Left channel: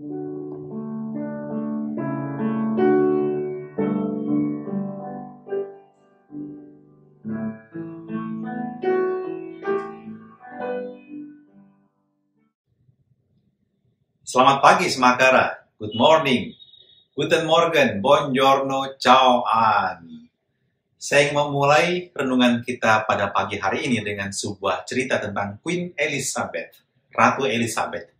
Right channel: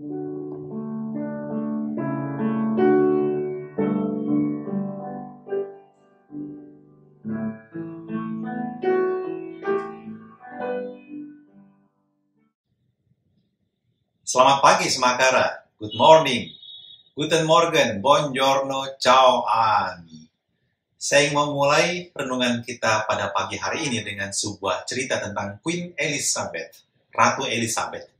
Selamat pagi Semakara, good morning, guten morgen, buongiorno, ciao, ani. Saya ingin memulai renungan kita pada pagi hari ini dengan sebuah cerita tentang Queen Elizabeth, Ratu Elizabeth.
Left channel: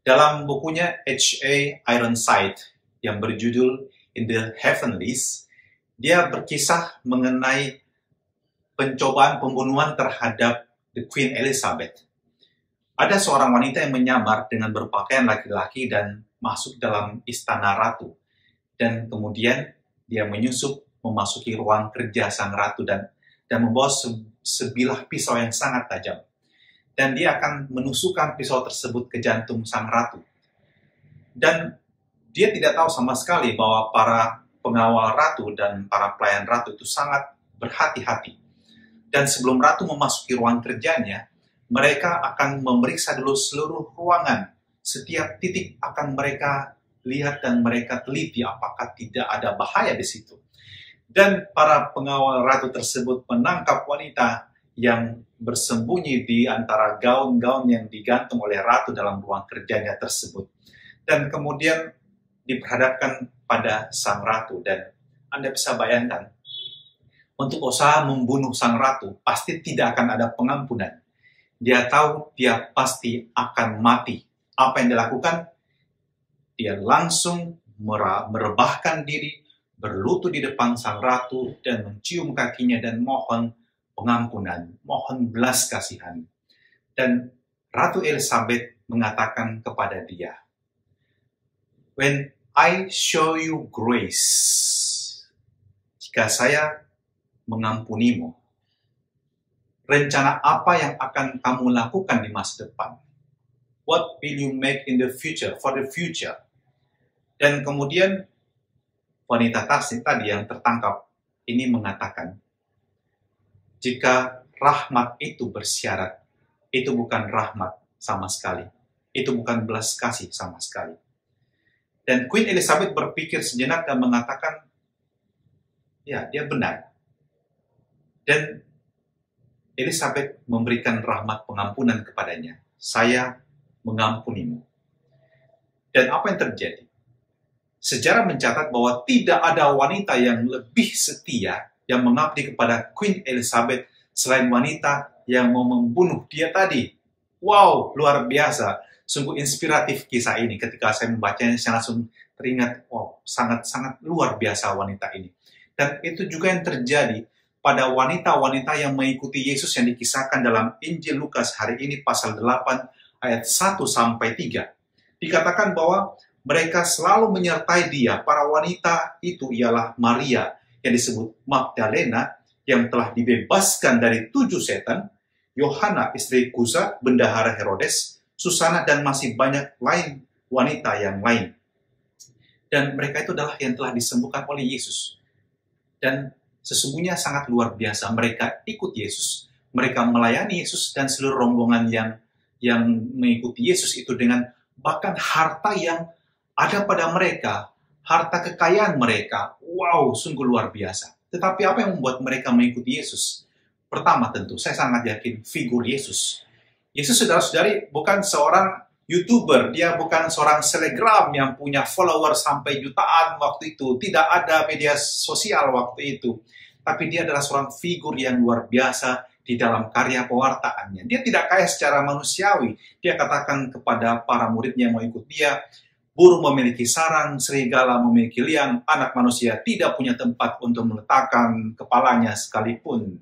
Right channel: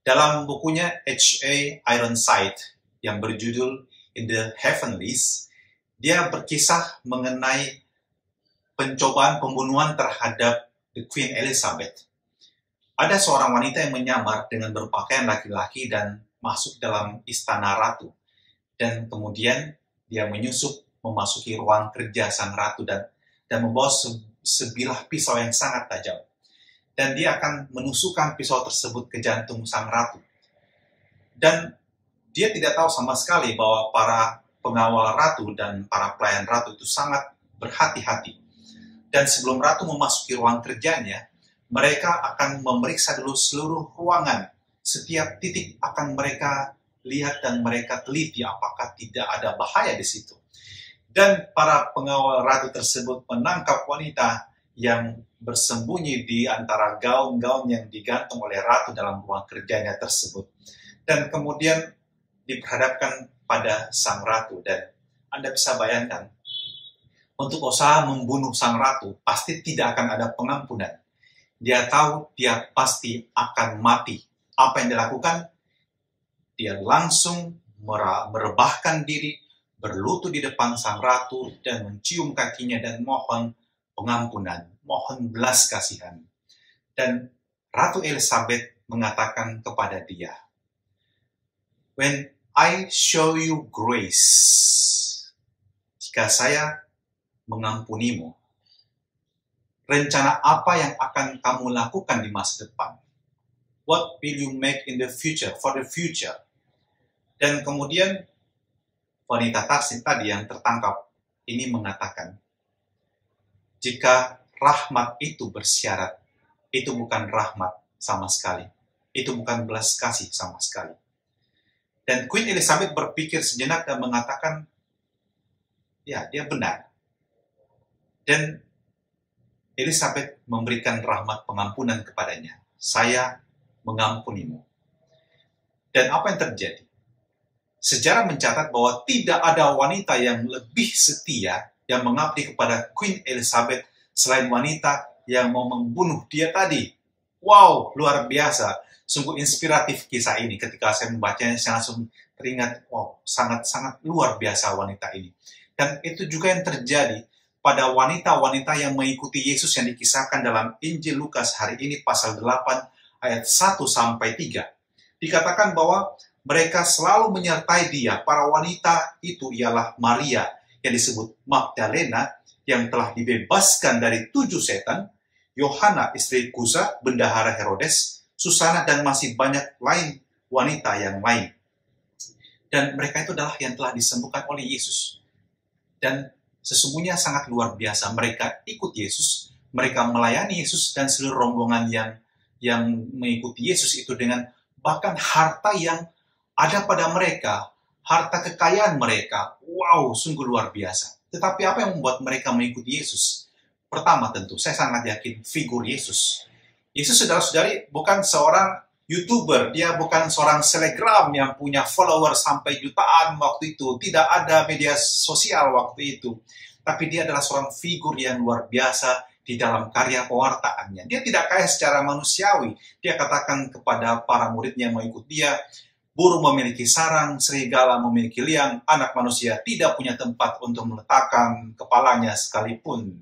Dalam bukunya H.A. Ironside yang berjudul In the Heavenlies, dia berkisah mengenai pencobaan pembunuhan terhadap the Queen Elizabeth. Ada seorang wanita yang menyamar dengan berpakaian laki-laki dan masuk dalam istana ratu. Dan kemudian dia menyusup memasuki ruang kerja sang ratu dan membawa sebilah pisau yang sangat tajam. Dan dia akan menusukkan pisau tersebut ke jantung sang ratu. Dan dia tidak tahu sama sekali bahwa para pengawal ratu dan para pelayan ratu itu sangat berhati-hati. Dan sebelum ratu memasuki ruang kerjanya, mereka akan memeriksa dulu seluruh ruangan. Setiap titik akan mereka lihat dan mereka teliti apakah tidak ada bahaya di situ. Dan para pengawal ratu tersebut menangkap wanita yang bersembunyi di antara gaun-gaun yang digantung oleh ratu dalam ruang kerjanya tersebut. Dan kemudian diperhadapkan pada sang ratu. Dan Anda bisa bayangkan, untuk usaha membunuh sang ratu pasti tidak akan ada pengampunan. Dia tahu dia pasti akan mati. Apa yang dilakukan? Dia langsung merebahkan diri, berlutut di depan sang ratu, dan mencium kakinya dan mohon pengampunan, mohon belas kasihan. Dan Ratu Elizabeth mengatakan kepada dia, "When I show you grace," jika saya mengampunimu, rencana apa yang akan kamu lakukan di masa depan? What will you make in the future, for the future? Dan kemudian wanita tadi yang tertangkap ini mengatakan, jika rahmat itu bersyarat, itu bukan rahmat sama sekali. Itu bukan belas kasih sama sekali. Dan Queen Elizabeth berpikir sejenak dan mengatakan, ya, dia benar. Dan Elizabeth memberikan rahmat pengampunan kepadanya. Saya mengampunimu. Dan apa yang terjadi? Sejarah mencatat bahwa tidak ada wanita yang lebih setia yang mengabdi kepada Queen Elizabeth selain wanita yang mau membunuh dia tadi. Wow, luar biasa. Sungguh inspiratif kisah ini. Ketika saya membacanya, saya langsung teringat, wow, sangat-sangat luar biasa wanita ini. Dan itu juga yang terjadi pada wanita-wanita yang mengikuti Yesus yang dikisahkan dalam Injil Lukas hari ini pasal 8 ayat 1-3. Dikatakan bahwa mereka selalu menyertai dia. Para wanita itu ialah Maria yang disebut Magdalena yang telah dibebaskan dari 7 setan, Yohana istri Kuza, bendahara Herodes, Susana dan masih banyak lain wanita yang lain. Dan mereka itu adalah yang telah disembuhkan oleh Yesus. Dan sesungguhnya sangat luar biasa. Mereka ikut Yesus, mereka melayani Yesus dan seluruh rombongan yang mengikuti Yesus itu dengan bahkan harta yang ada pada mereka, harta kekayaan mereka. Wow, sungguh luar biasa. Tetapi apa yang membuat mereka mengikuti Yesus? Pertama tentu, saya sangat yakin figur Yesus. Yesus, saudara-saudari, bukan seorang YouTuber, dia bukan seorang selebgram yang punya follower sampai jutaan waktu itu. Tidak ada media sosial waktu itu. Tapi dia adalah seorang figur yang luar biasa di dalam karya pewartaannya. Dia tidak kaya secara manusiawi. Dia katakan kepada para muridnya yang mau ikut dia, burung memiliki sarang, serigala memiliki liang, anak manusia tidak punya tempat untuk meletakkan kepalanya sekalipun.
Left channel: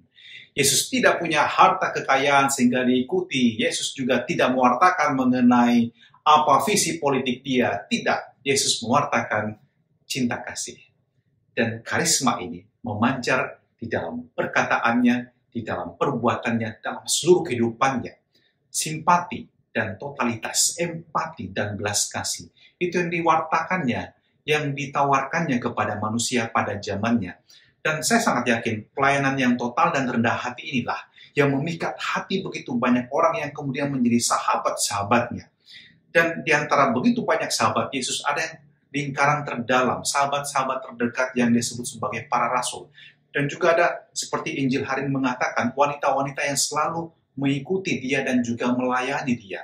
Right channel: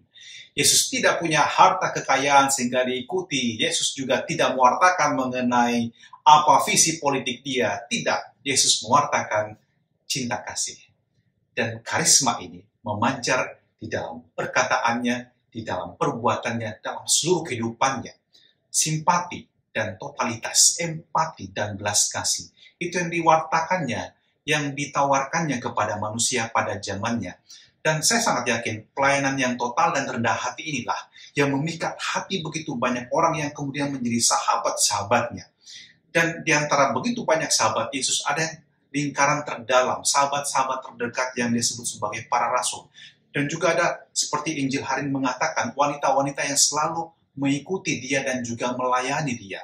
Yesus tidak punya harta kekayaan sehingga diikuti. Yesus juga tidak mewartakan mengenai apa visi politik dia. Tidak. Yesus mewartakan cinta kasih. Dan karisma ini memancar di dalam perkataannya, di dalam perbuatannya, dalam seluruh kehidupannya. Simpati dan totalitas, empati dan belas kasih. Itu yang diwartakannya, yang ditawarkannya kepada manusia pada zamannya. Dan saya sangat yakin pelayanan yang total dan rendah hati inilah yang memikat hati begitu banyak orang yang kemudian menjadi sahabat-sahabatnya. Dan di antara begitu banyak sahabat Yesus, ada yang lingkaran terdalam, sahabat-sahabat terdekat yang disebut sebagai para rasul. Dan juga ada, seperti Injil hari ini mengatakan, wanita-wanita yang selalu mengikuti dia dan juga melayani dia.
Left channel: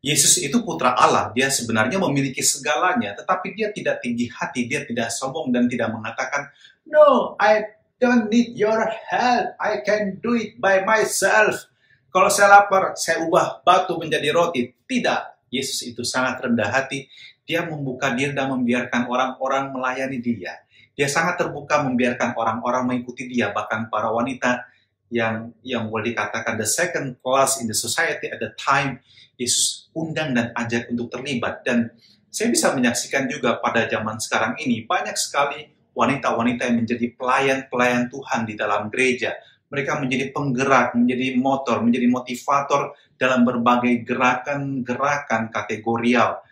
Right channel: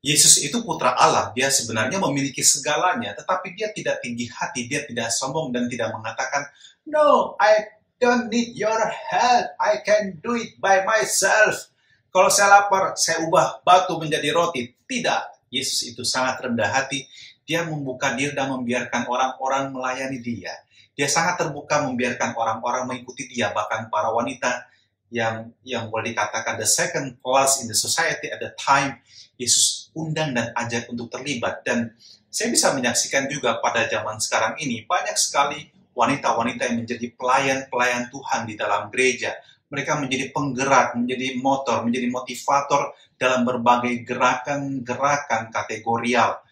Yesus itu putra Allah, dia sebenarnya memiliki segalanya, tetapi dia tidak tinggi hati, dia tidak sombong dan tidak mengatakan, "No, I don't need your help, I can do it by myself. Kalau saya lapar, saya ubah batu menjadi roti." Tidak, Yesus itu sangat rendah hati, dia membuka diri dan membiarkan orang-orang melayani dia. Dia sangat terbuka membiarkan orang-orang mengikuti dia, bahkan para wanita yang boleh dikatakan the second class in the society at the time, Yesus undang dan ajak untuk terlibat. Dan saya bisa menyaksikan juga pada zaman sekarang ini, banyak sekali wanita-wanita yang menjadi pelayan-pelayan Tuhan di dalam gereja. Mereka menjadi penggerak, menjadi motor, menjadi motivator dalam berbagai gerakan-gerakan kategorial.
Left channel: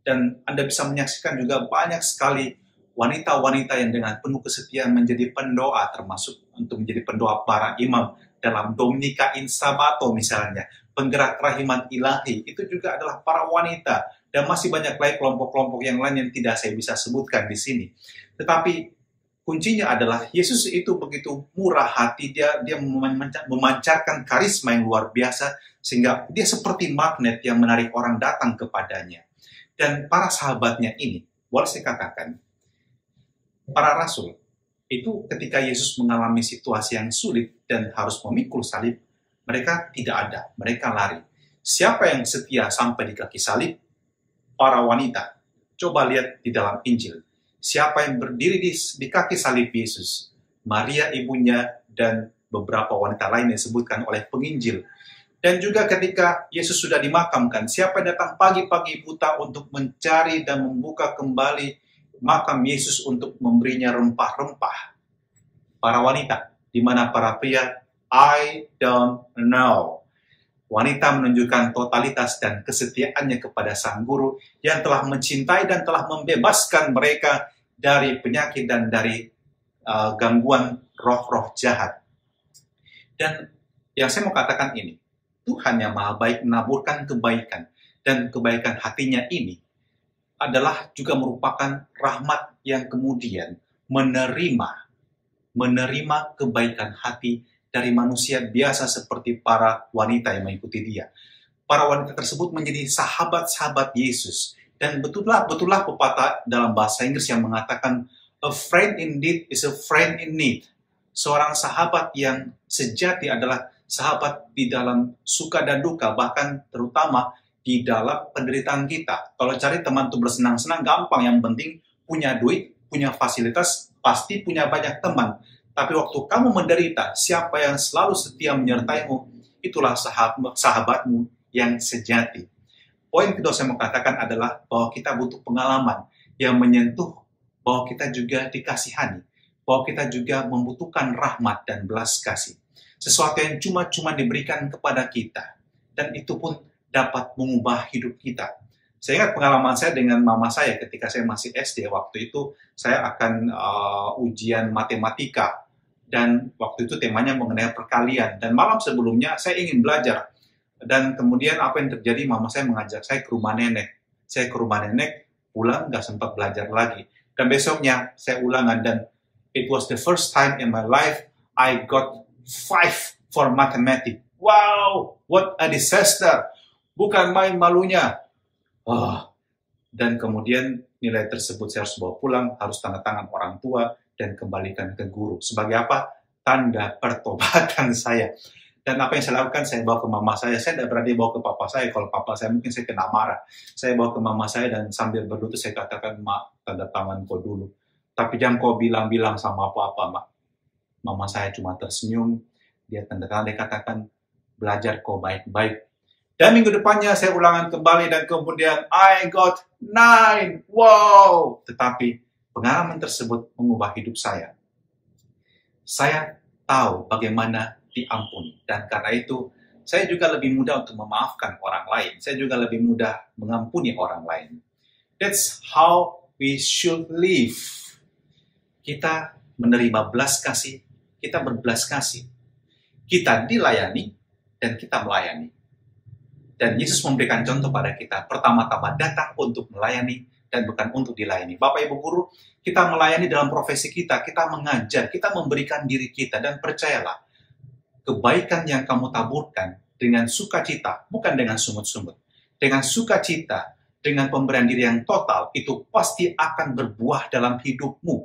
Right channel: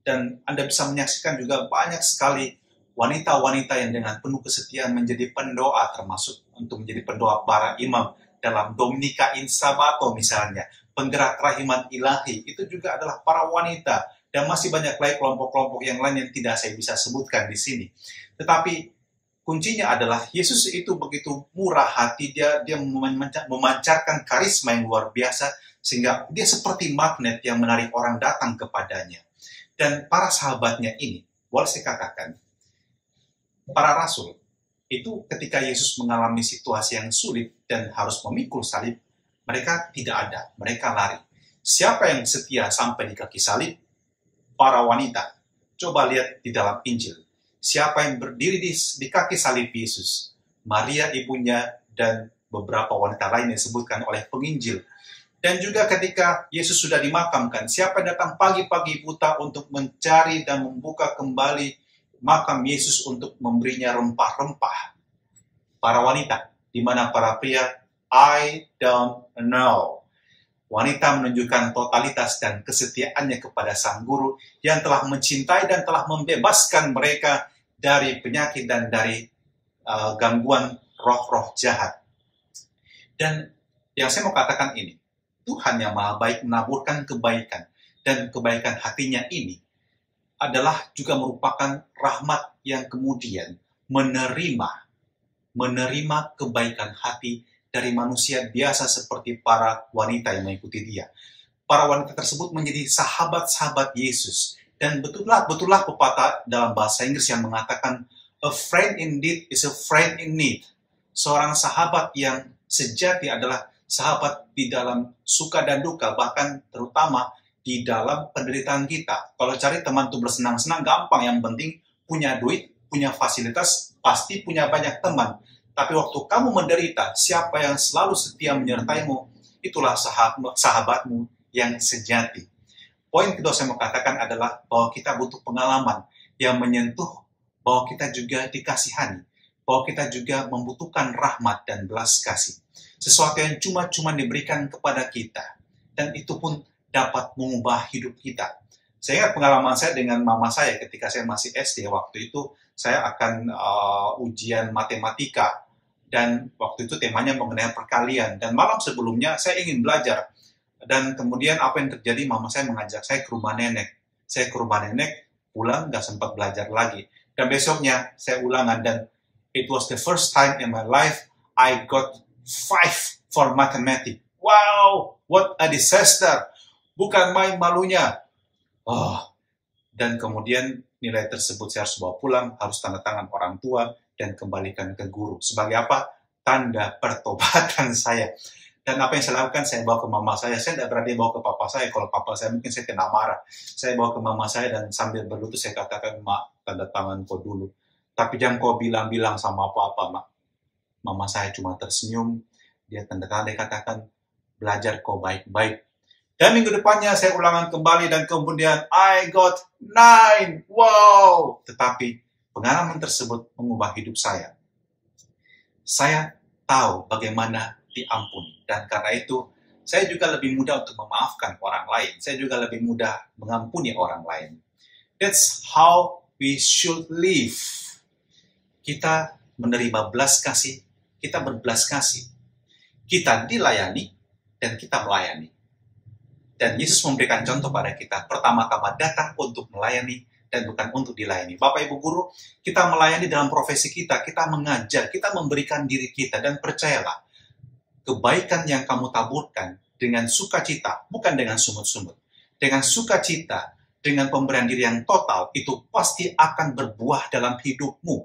Dan Anda bisa menyaksikan juga banyak sekali wanita-wanita yang dengan penuh kesetiaan menjadi pendoa, termasuk untuk menjadi pendoa para imam dalam Dominika in Sabato misalnya, penggerak rahiman ilahi, itu juga adalah para wanita, dan masih banyak lagi kelompok-kelompok yang lain yang tidak saya bisa sebutkan di sini. Tetapi kuncinya adalah Yesus itu begitu murah hati, dia memancarkan karisma yang luar biasa, sehingga dia seperti magnet yang menarik orang datang kepadanya. Dan para sahabatnya ini, boleh saya katakan, para rasul itu ketika Yesus mengalami situasi yang sulit dan harus memikul salib, mereka tidak ada, mereka lari. Siapa yang setia sampai di kaki salib? Para wanita. Coba lihat di dalam Injil. Siapa yang berdiri di kaki salib Yesus? Maria ibunya dan beberapa wanita lain yang disebutkan oleh penginjil. Dan juga ketika Yesus sudah dimakamkan, siapa yang datang pagi-pagi buta untuk mencari dan membuka kembali makam Yesus untuk memberinya rempah-rempah? Para wanita, di mana para pria, I don't know. Wanita menunjukkan totalitas dan kesetiaannya kepada sang guru yang telah mencintai dan telah membebaskan mereka dari penyakit dan dari gangguan roh-roh jahat. Dan yang saya mau katakan ini, Tuhan yang maha baik menaburkan kebaikan, dan kebaikan hatinya ini adalah juga merupakan rahmat yang kemudian menerima kebaikan hati dari manusia biasa seperti para wanita yang mengikuti dia. Para wanita tersebut menjadi sahabat-sahabat Yesus. Dan betullah pepatah dalam bahasa Inggris yang mengatakan, a friend indeed is a friend in need. Seorang sahabat yang sejati adalah sahabat di dalam suka dan duka, bahkan terutama di dalam penderitaan kita. Kalau cari teman untuk bersenang-senang gampang, yang penting punya duit, punya fasilitas, pasti punya banyak teman. Tapi waktu kamu menderita, siapa yang selalu setia menyertaimu, itulah sahabatmu yang sejati. Poin kedua saya mau katakan adalah bahwa kita butuh pengalaman yang menyentuh, bahwa kita juga dikasihani, bahwa kita juga membutuhkan rahmat dan belas kasih. Sesuatu yang cuma-cuma diberikan kepada kita. Dan itu pun dapat mengubah hidup kita. Saya ingat pengalaman saya dengan mama saya ketika saya masih SD. Waktu itu saya akan ujian matematika. Dan waktu itu temanya mengenai perkalian. Dan malam sebelumnya saya ingin belajar. Dan kemudian apa yang terjadi, mama saya mengajak saya ke rumah nenek. Saya ke rumah nenek, pulang nggak sempat belajar lagi. Dan besoknya saya ulangan, dan it was the first time in my life I got 5 for mathematics. Wow, what a disaster. Bukan main malunya. Dan kemudian nilai tersebut saya harus bawa pulang, harus tanda tangan orang tua, dan kembalikan ke guru. Sebagai apa? Tanda pertobatan saya. Dan apa yang saya lakukan, saya bawa ke mama saya. Saya tidak berani bawa ke papa saya. Kalau papa saya mungkin saya kena marah. Saya bawa ke mama saya dan sambil berlutut saya katakan, "Mak, tanda tangan kau dulu. Tapi jangan kau bilang-bilang sama apa-apa, Mak." Mama saya cuma tersenyum. Dia tanda tangan, dia katakan, "Belajar kau baik-baik." Dan minggu depannya saya ulangan kembali dan kemudian I got 9. Wow! Tetapi pengalaman tersebut mengubah hidup saya. Saya tahu bagaimana diampuni. Dan karena itu, saya juga lebih mudah untuk memaafkan orang lain. Saya juga lebih mudah mengampuni orang lain. That's how we should live. Kita menerima belas kasih, kita berbelas kasih. Kita dilayani, dan kita melayani. Dan Yesus memberikan contoh pada kita, pertama-tama datang untuk melayani dan bukan untuk dilayani. Bapak Ibu Guru, kita melayani dalam profesi kita mengajar, kita memberikan diri kita, dan percayalah, kebaikan yang kamu taburkan dengan sukacita, bukan dengan sungut-sungut. Dengan sukacita, dengan pemberian diri yang total, itu pasti akan berbuah dalam hidupmu.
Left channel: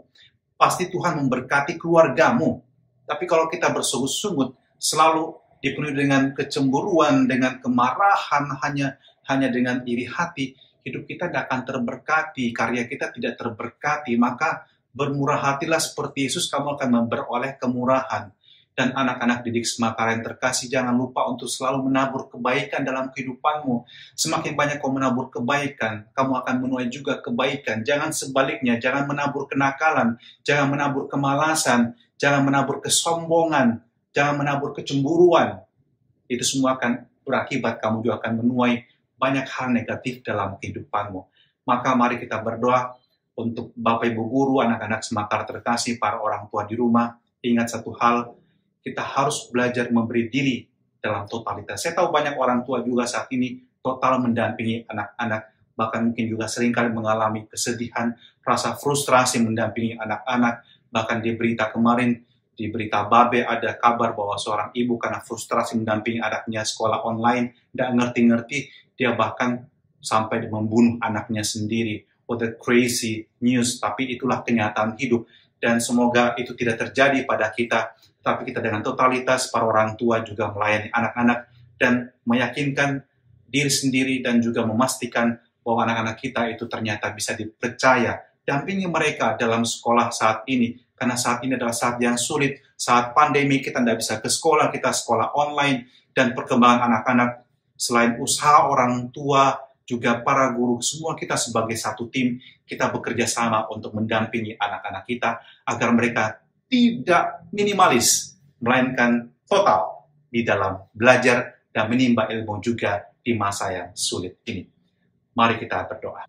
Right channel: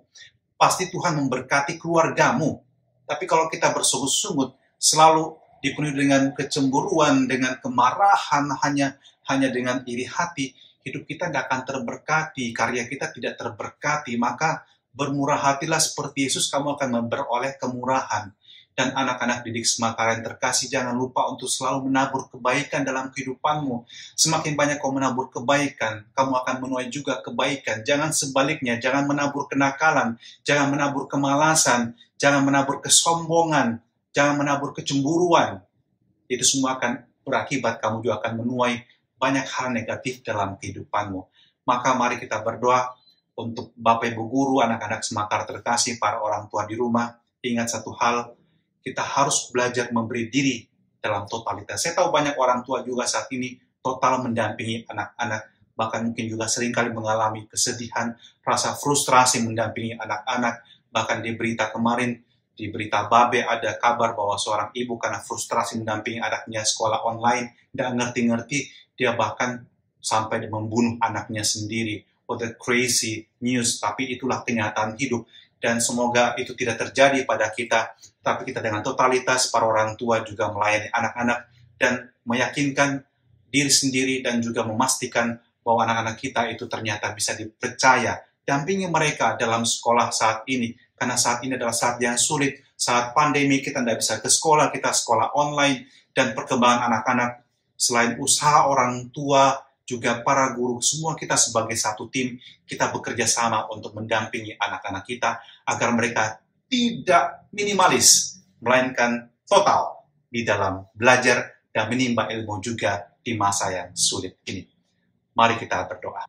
Pasti Tuhan memberkati keluargamu. Tapi kalau kita bersungut-sungut, selalu dipenuhi dengan kecemburuan, dengan kemarahan, hanya dengan iri hati, hidup kita tidak akan terberkati, karya kita tidak terberkati. Maka bermurah hatilah seperti Yesus, kamu akan memperoleh kemurahan. Dan anak-anak didik Semakara yang terkasih, jangan lupa untuk selalu menabur kebaikan dalam kehidupanmu. Semakin banyak kau menabur kebaikan, kamu akan menuai juga kebaikan. Jangan sebaliknya, jangan menabur kenakalan, jangan menabur kemalasan, jangan menabur kesombongan, jangan menabur kecemburuan. Itu semua akan berakibat kamu juga akan menuai banyak hal negatif dalam kehidupanmu. Maka mari kita berdoa untuk Bapak Ibu Guru, anak-anak Semakara terkasih, para orang tua di rumah. Ingat satu hal, kita harus belajar memberi diri dalam totalitas. Saya tahu banyak orang tua juga saat ini total mendampingi anak-anak, bahkan mungkin juga seringkali mengalami kesedihan, rasa frustrasi mendampingi anak-anak. Bahkan di berita kemarin, di berita Babe ada kabar bahwa seorang ibu karena frustrasi mendampingi anaknya sekolah online, tidak ngerti-ngerti, dia bahkan sampai membunuh anaknya sendiri. What a crazy news, tapi itulah kenyataan hidup. Dan semoga itu tidak terjadi pada kita, tapi kita dengan totalitas para orang tua juga melayani anak-anak dan meyakinkan diri sendiri dan juga memastikan bahwa anak-anak kita itu ternyata bisa dipercaya. Dampingi mereka dalam sekolah saat ini, karena saat ini adalah saat yang sulit, saat pandemi kita tidak bisa ke sekolah, kita sekolah online, dan perkembangan anak-anak, selain usaha orang tua, juga para guru, semua kita sebagai satu tim, kita bekerja sama untuk mendampingi anak-anak kita, agar mereka tidak minimalis, melainkan total di dalam belajar dan menimba ilmu juga di masa yang sulit ini. Mari kita berdoa.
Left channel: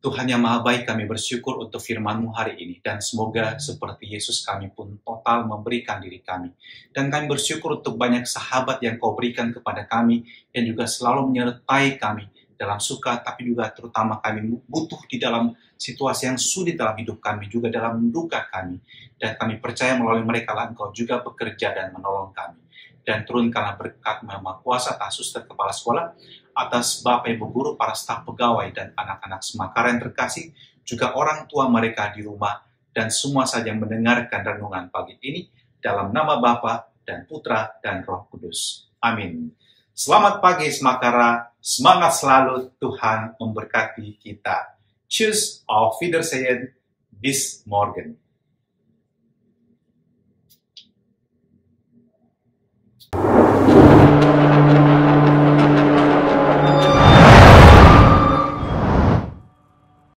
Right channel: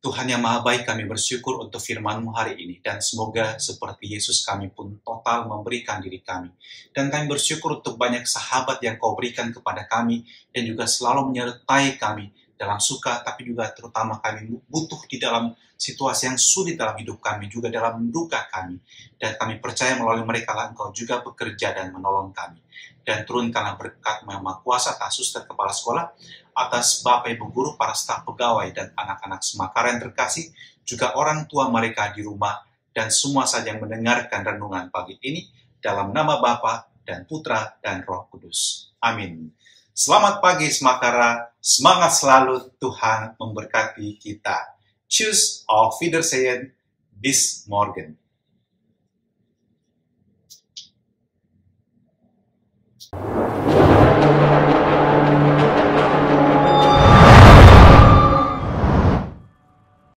Tuhan yang Maha Baik, kami bersyukur untuk firman-Mu hari ini. Dan semoga seperti Yesus kami pun total memberikan diri kami. Dan kami bersyukur untuk banyak sahabat yang Kau berikan kepada kami, yang juga selalu menyertai kami dalam suka, tapi juga terutama kami butuh di dalam situasi yang sulit dalam hidup kami, juga dalam duka kami. Dan kami percaya melalui mereka lah Engkau juga bekerja dan menolong kami. Dan turunkanlah berkat Maha Kuasa atas suster kepala sekolah, atas Bapak Ibu Guru, para staf pegawai, dan anak-anak Semakara yang terkasih, juga orang tua mereka di rumah, dan semua saja yang mendengarkan renungan pagi ini, dalam nama Bapa dan Putra dan Roh Kudus. Amin. Selamat pagi Semakara, semangat selalu, Tuhan memberkati kita. Tschüss, auf Wiedersehen, bis morgen.